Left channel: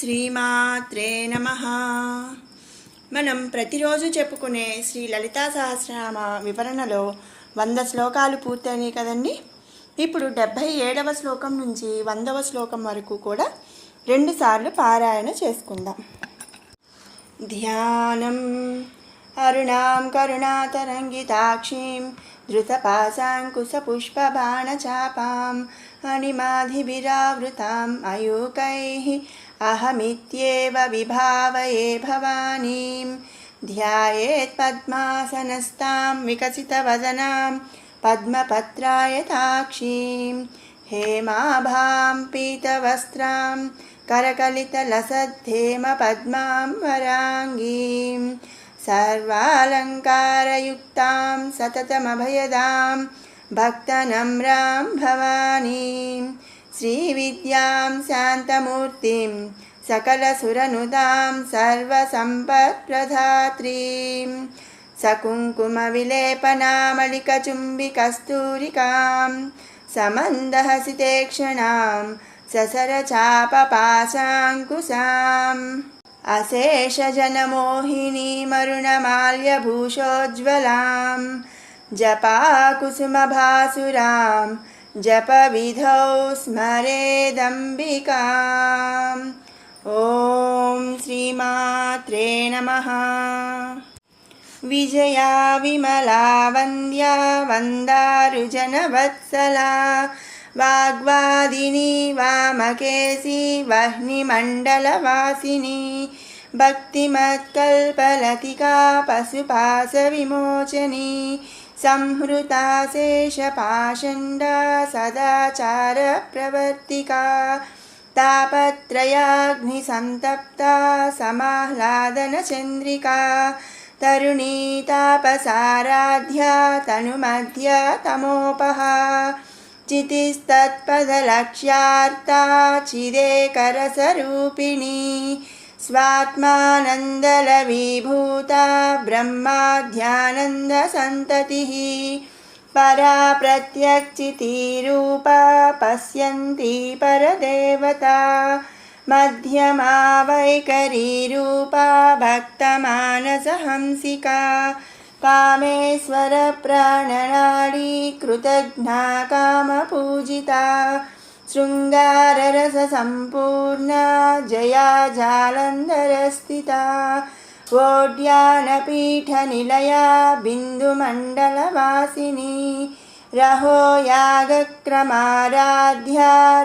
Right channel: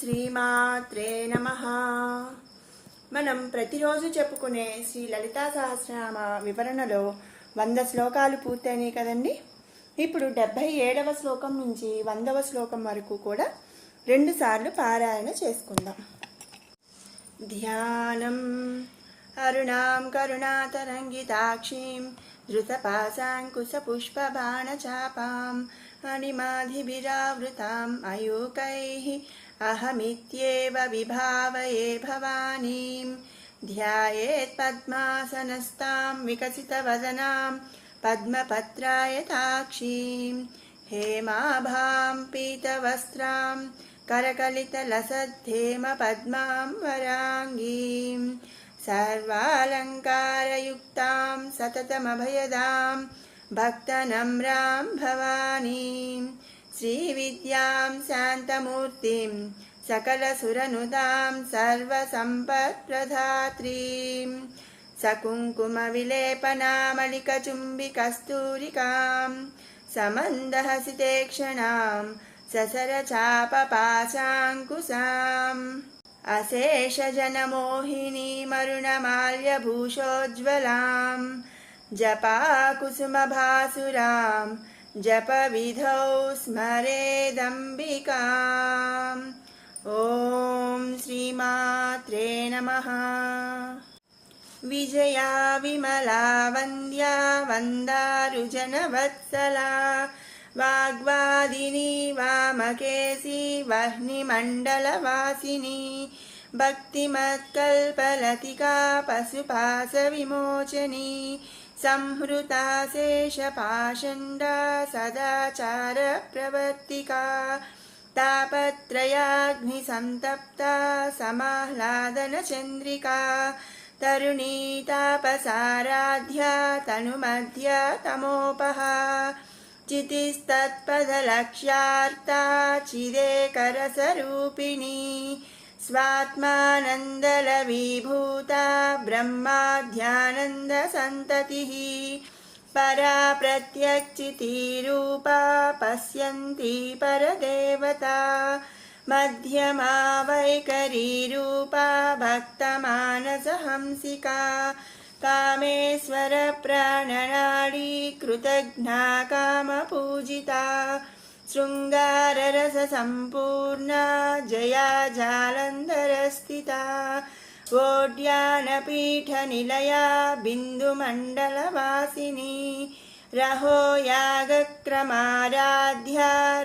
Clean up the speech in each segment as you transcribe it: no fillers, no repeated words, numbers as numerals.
శ్రీమాత్రే నమః. మనం ప్రతిరోజు చెప్పుకునే శ్రీ లలితా సహస్రనామ వివరణలో 100 శ్లోకాలు పూర్తయినాయి కదండి. ఇప్పుడు 77వ శ్లోకం నుంచి 100వ శ్లోకం వరకు కూడా 2 సార్లు పారాయణ చేసుకుందాం. ధ్యానం అరుణాం కరుణాతరంగితాక్షీం ధృతపాశాంకుశపుష్పబాణచాపాం అణిమాధిభిరావృతాం అయూకైః అహమిత్యేవ విభావయే భవానీం ధ్యాయేత్ పద్మాసనస్తాం వికసితవదనాం పద్మపత్రాయతాక్షీం హేమాభాం పీతవస్త్రాం करकलितलसद्धेम पद्मां वराङ्गीं सर्वालङ्कारयुक्तां सततमभयदां भक्तनम्रां भवानीं श्रीविद्यां शान्तमूर्तिं सकलसुरनुदां सर्वसम्पत्प्रदात्रीं सकुङ्कुमविलेपनामलिकचुम्बिकस्तूरिकां समन्दहसितेक्षणां ससरचापपाशाङ्कुशाम् अशेषजनमोहिनीमरुणमाल्यभूषोज्ज्वलां जपाकुसुमभासुरां जपविधौ स्मरेदम्बिकाम्. ॐ श्रीमात्रे नमः. विजया विमला वन्द्या वन्दारुजनवत्सला वाग्वादिनी वामकेशी वह्निमण्डलवासिनी भक्तिमत्कल्पलतिका पशुपाशविमोचनी संहृता शेषपाषण्डा सदाचारप्रवर्तिका तापत्रयाग्निसन्तप्ता समाह्लादनचन्द्रिका तरुणी तापसाराध्या तनुमध्या तमोपहा चितिस्तत्पदलक्ष्यार्ता चिदेकरसरूपिणी स्वात्मानन्दलवीभूता ब्रह्माध्यानन्दसन्ततिः परा प्रत्यक्षितिरूपा पश्यन्ती परदेवता मध्यमा वैखरीरूपा भक्तमानसहंसिका कामेश्वर प्राणनाडी कृतघ्ना कामपूजिता शृङ्गाररससम्पूर्णा जया जालन्धरस्थिता वोड्यानपीठनिलया बिन्दुमण्डलवासिनी रहो यागक्रमाराध्या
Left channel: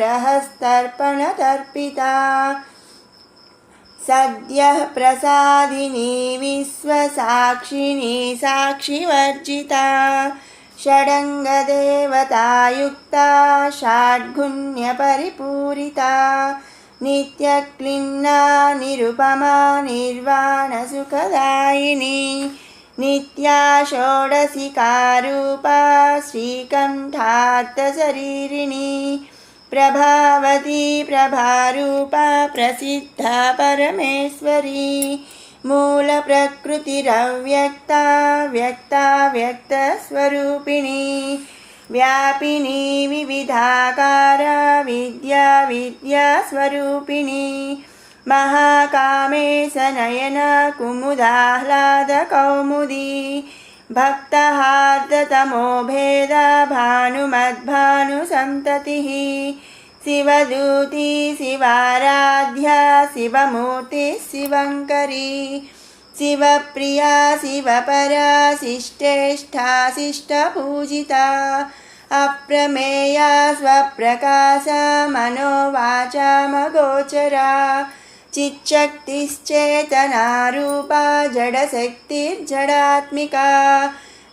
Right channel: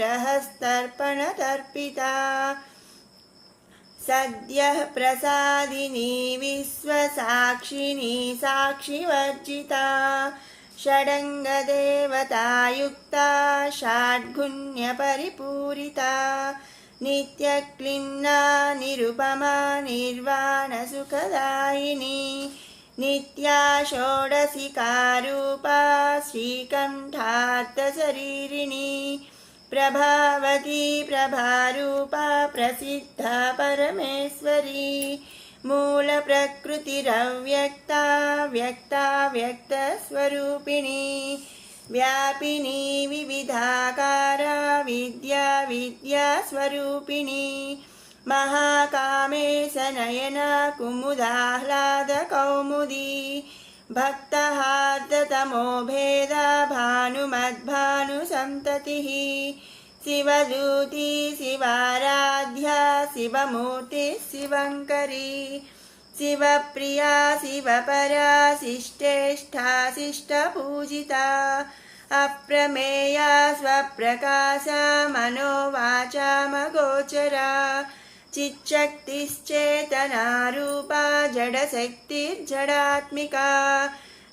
रहस्तर्पणतर्पिता सद्यः प्रसादिनी विश्वसाक्षिणी साक्षिवर्जिता षडङ्गदेवतायुक्ता षड्गुण्यपरिपूरिता नित्यक्लिन्ना निरुपमा निर्वाणसुखदायिनी नित्या षोडशिकारूपा श्रीकण्ठार्थशरीरिणी प्रभावती प्रभारूपा प्रसिद्धा परमेश्वरी मूलप्रकृतिरव्यक्ता व्यक्ता व्यक्तस्वरूपिणी व्यापिनी विविधाकारा विद्या विद्यास्वरूपिणी महाकामेशनयना कुमुदाह्लादकौमुदी भक्तहार्दतमो भेदा भानुमद्भानुसन्ततिः शिवदूती शिवाराध्या शिवमूर्तिः शिवङ्करी शिवप्रिया शिवपरा शिष्टेष्ठा शिष्टपूजिता अप्रमेया स्वप्रकाशा मनोवाचामगोचरा चिच्छक्तिश्चेतनारूपा जडशक्तिर्जडात्मिका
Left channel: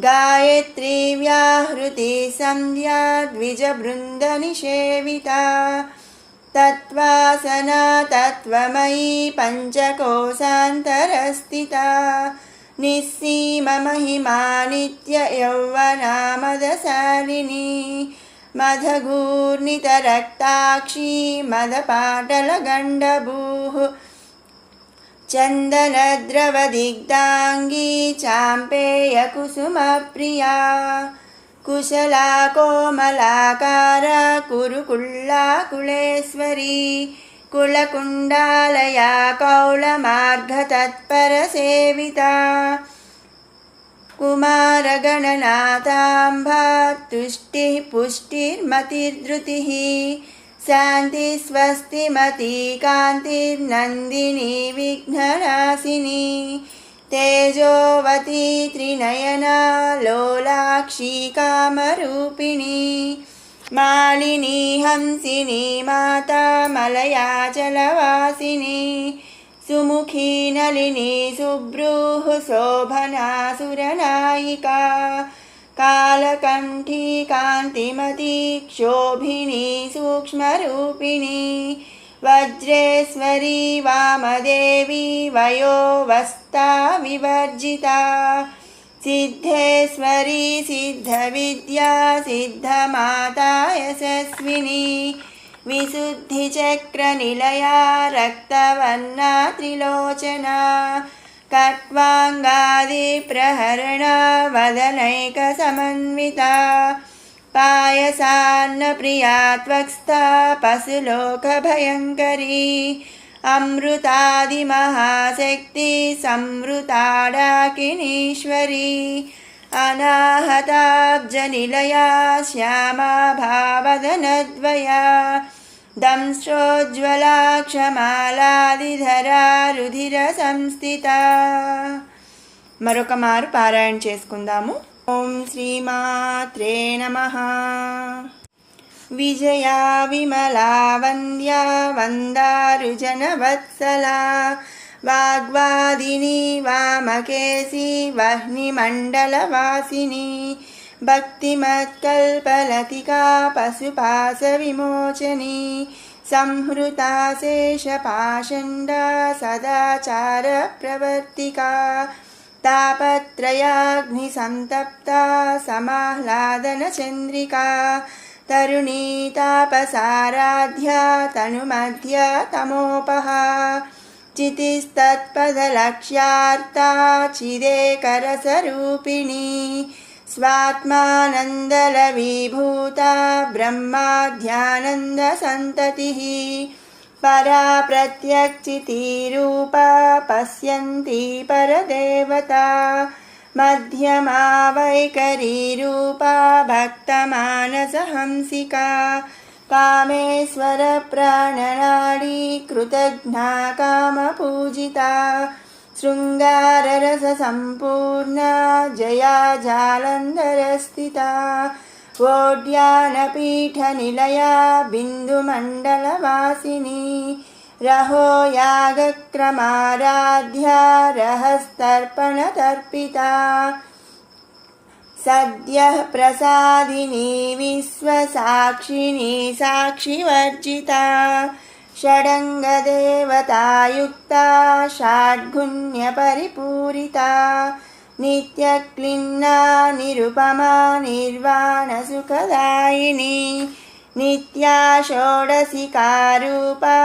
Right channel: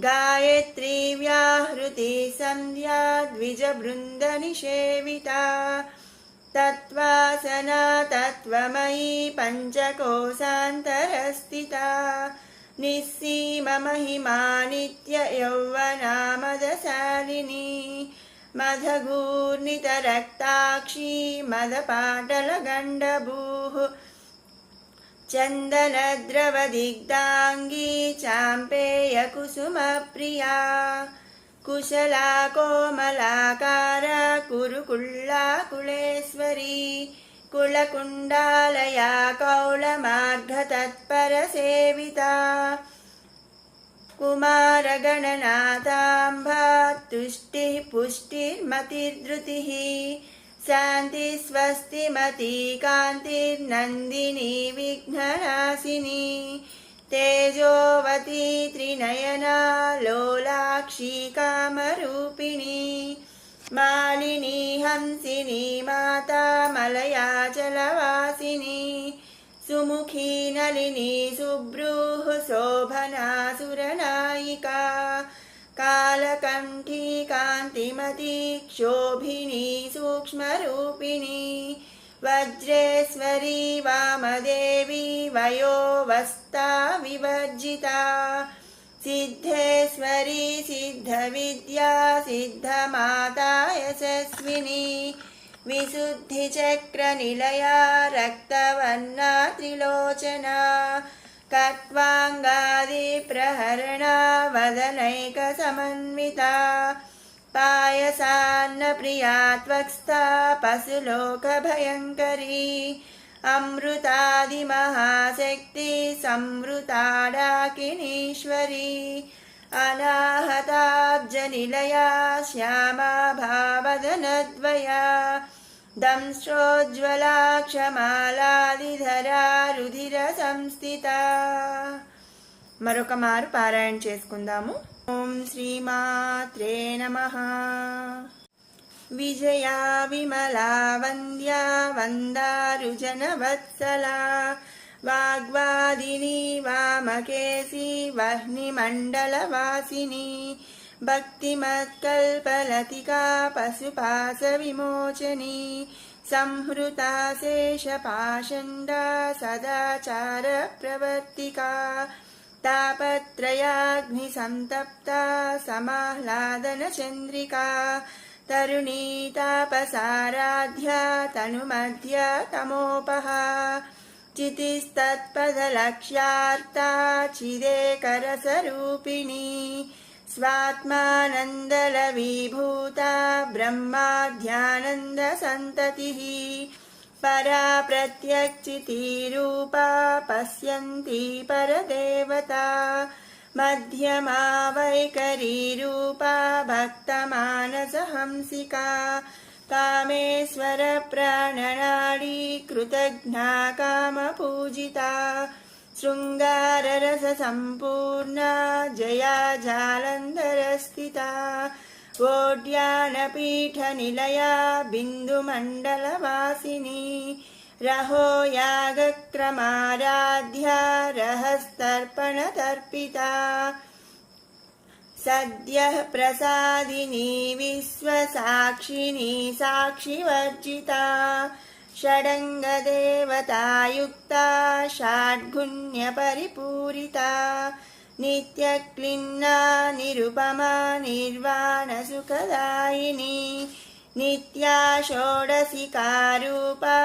गायत्री व्याहृति संध्या द्विजबृन्दनिषेविता तत्त्वासना तत्त्वमयी पञ्चकोशान्तरस्थिता निस्सीममहिमा नित्ययौवना मदशालिनी मदघूर्णितरक्ताक्षी मदपाटलगण्डभूः चन्दनद्रवदिग्धाङ्गी चाम्पेयकुसुमप्रिया कुशला कोमलाकारा कुरुकुल्ला कुलेश्वरी कुल मूलकुण्डालया कौलमार्गतत्परसेविता कुमारगणनाथाम्बा तुष्टिः पुष्टिर्मतिर्धृतिः शान्तिस्वस्तिमती कान्तिर्नन्दिनी विघ्ननाशिनी तेजोवती त्रिनयना लोलाक्षी कामरूपिणी मालिनी हंसिनी माता मलयाचलवासिनी सुमुखी नलिनी सुब्रूः शोभना सुरनायिका कालकण्ठी कान्तिमती क्षोभिनी सूक्ष्मरूपिणी वज्रेश्वरी वामदेवी वयोवस्था विवर्जिता सिद्धेश्वरी सिद्धविद्या सिद्धमाता यशस्विनी विशुद्धिचक्रनिलया रक्तवर्णा त्रिलोचना कट्वाङ्गादिप्रहरणा वदनैकसमन्विता पायसान्नप्रिया त्वक्स्था पशुलोकभयङ्करी अमृतादिमहाशक्ति संवृताडाकिनीश्वरी अनाहताब्जनिलया श्यामा भावदनद्वया दंश्रोज्ज्वला क्षमालादिधरा रुधिरसंस्थिता మరొక మారు పారాయణ చేసుకుందాము. ఓం శ్రీమాత్రే నమః. విజయా విమలా వంద్యా వందారుజనవత్సలా వాగ్వాదిని వామకేశీ వహ్నిమండలవాసిని భక్తిమత్కల్పలతికా పశుపాశవిమోచని సంహృతా శేషపాషండా సదాచారప్రవర్తికా తాపత్రయాగ్నిసంతప్తా సమాహ్లాదనచంద్రికా తరుణీ తాపసారాధ్యా తనుమధ్య తమోపహా చితిస్తత్పదలక్ష్యార్తా చిదేకరసరూపిణీ స్వాత్మానందలవిభూతా బ్రహ్మాధ్యానందసంతతిః పరా ప్రత్యక్షితిరూపా పశ్యంతి పరదేవతా మధ్యమా వైఖరీరూపా భక్తమానసహంసికా కామేశ్వర ప్రాణనాడీ కృతజ్ఞా కామపూజితా శృంగారరససంపూర్ణా జయా జాలంధరస్థితా ఓడ్యానపీఠనిలయా బిందుమండలవాసిని రహో యాగక్రమారాధ్యా రహస్తర్పణతర్పితా సద్యః ప్రసాదిని విశ్వసాక్షిని సాక్షివర్జితా షడంగదేవతాయుక్తా షాడ్గుణ్యపరిపూరితా నిత్యక్లిన్నా నిరుపమా నిర్వాణసుఖదాయిని నిత్యా షోడశికారూపా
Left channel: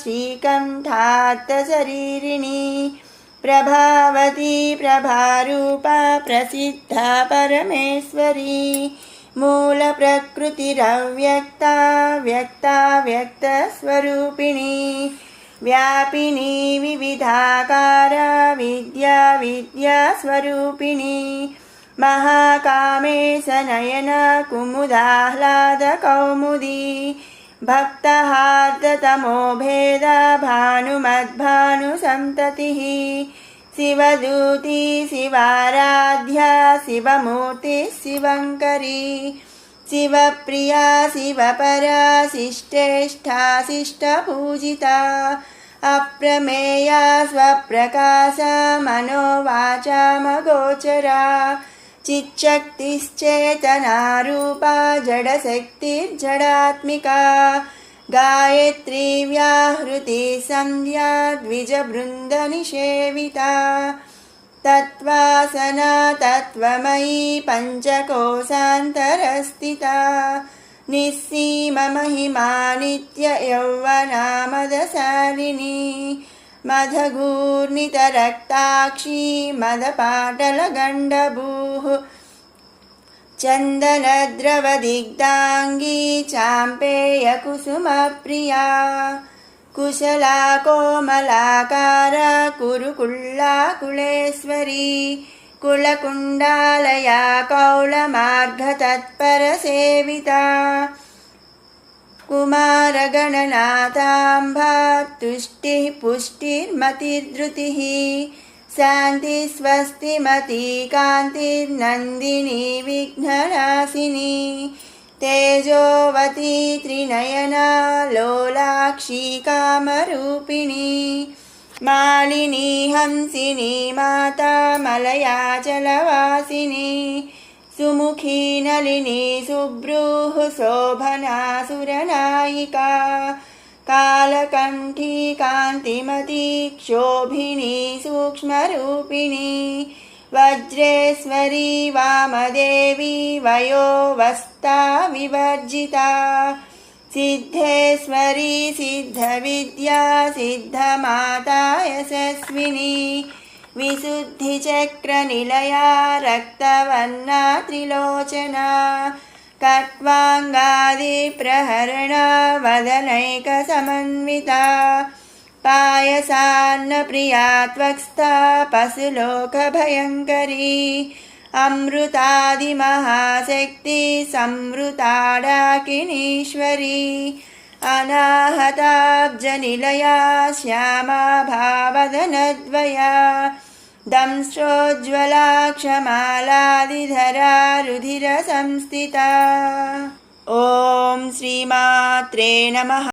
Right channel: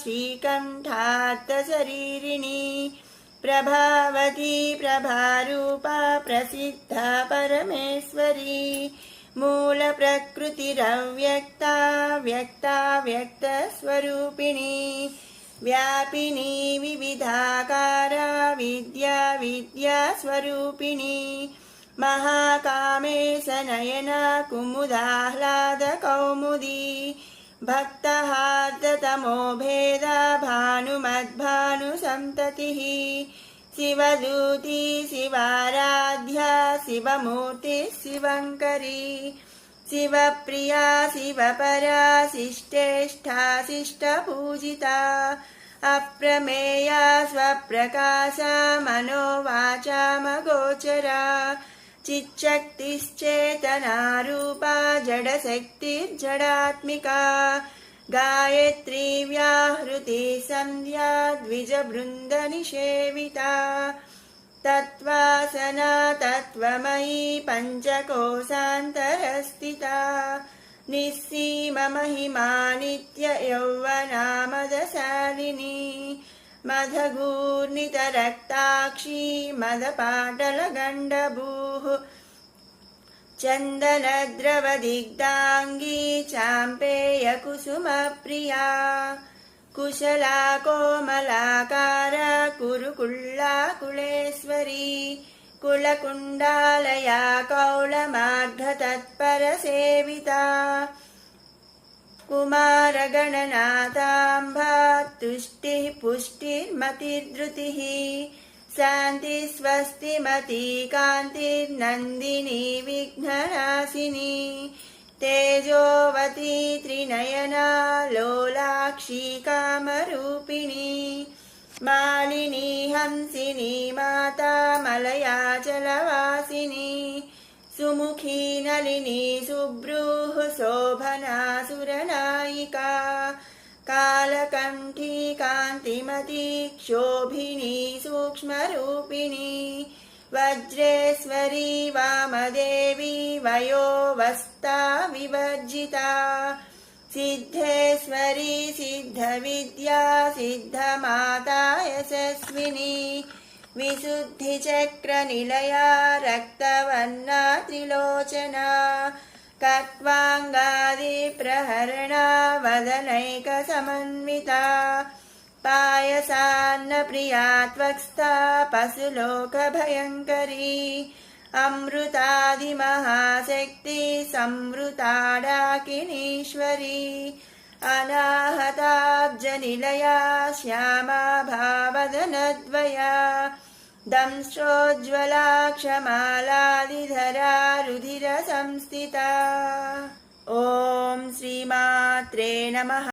శ్రీకంఠార్థశరీరిణి ప్రభావతి ప్రభారూపా ప్రసిద్ధా పరమేశ్వరీ మూలప్రకృతిరవ్యక్తా వ్యక్తా వ్యక్తస్వరూపిణి వ్యాపిని వివిధాకారా విద్యా విద్యాస్వరూపిణి మహాకామేశనయన కుముదాహ్లాదకౌముదీ భక్తహార్దతమో భేద భానుమద్భానుసంతతిః శివదూతి శివారాధ్యా శివమూర్తి శివంకరీ శివప్రియా శివపరా శిష్టేష్టా శిష్టపూజితా అప్రమేయా స్వప్రకాశా మనోవాచామగోచరా చిచ్చక్తిశ్చేతనారూపా జడశక్తిర్జడాత్మికా గాయత్రీ వ్యాహృతి సంధ్యా ద్విజబృందనిషేవితా తత్వాసనా తత్వమయీ పంచకోశాంతరస్థితా నిస్సీమమహిమా నిత్య యౌవనా మదశాలిని మదఘూర్ణితరక్తాక్షీ మదపాటలగండభూః చందనద్రవదిగ్ధాంగీ చాంపేయకుసుమప్రియా कुशला कोमलाकारा कुरुकुल्ला कुलेश्वरी कुलकुण्डालया कौलमार्धतत्परसेविता कुमारगणनाथाम्बा तुष्टिः पुष्टिर्मतिर्धृतिः शान्तिस्वस्तिमती कान्तिर्नन्दिनी विघ्ननाशिनी तेजोवती त्रिनयना लोलाक्षी कामरूपिणी मालिनी हंसिनी माता मलयाचलवासिनी सुमुखी नलिनी सुब्रूः शोभना सुरनायिका कालकण्ठी कान्तिमती क्षोभिनी सूक्ष्मरूपिणी वज्रेश्वरी वामदेवी वयोवस्था विवर्जिता सिद्धेश्वरी सिद्धविद्या सिद्धमाता यशस्विनी विशुद्धिचक्रनिलया रक्तवर्णा त्रिलोचना कट्वाङ्गादिप्रहरणा वदनैकसमन्विता पायसान्नप्रिया त्वक्स्था पशुलोकभयङ्करी अमृतादिमहाशक्ति संवृता डाकिनीश्वरी अनाहताब्जनिलया श्यामा भावदनद्वया दंश्रोज्ज्वला क्षमालादिधरा रुधिरसंस्थिता। ॐ श्रीमात्रे नमः।